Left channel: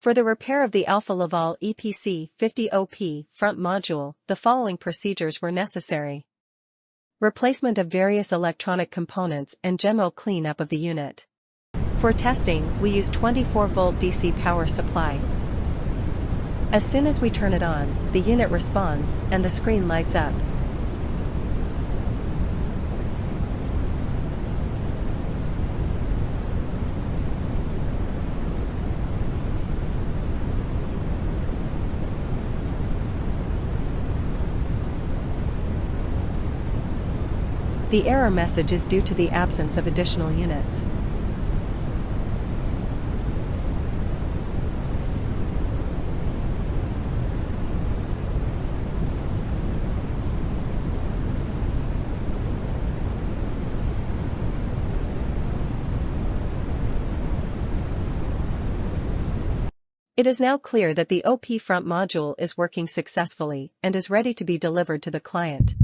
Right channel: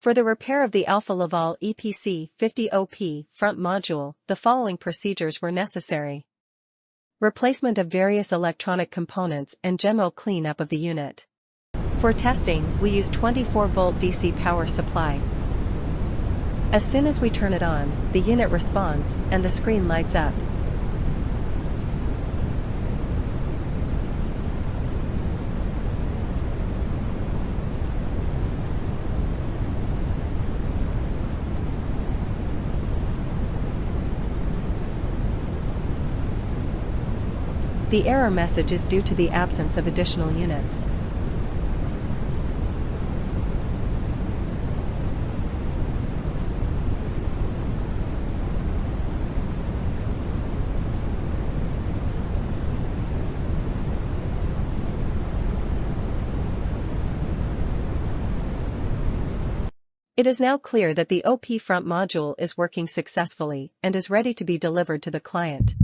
For the repair of the Alfa Laval EPC50 OP front module, the following procedures were necessary. Replacement of various electronic components and general cleanup of the unit. For testing, we use 24-volt DC power supply. As soon as we turn it on, the unit responds, and the screen lights up. The error message is due to the absence of additional units. It is now clear that the OP front module is working successfully and is ready to be delivered to the client.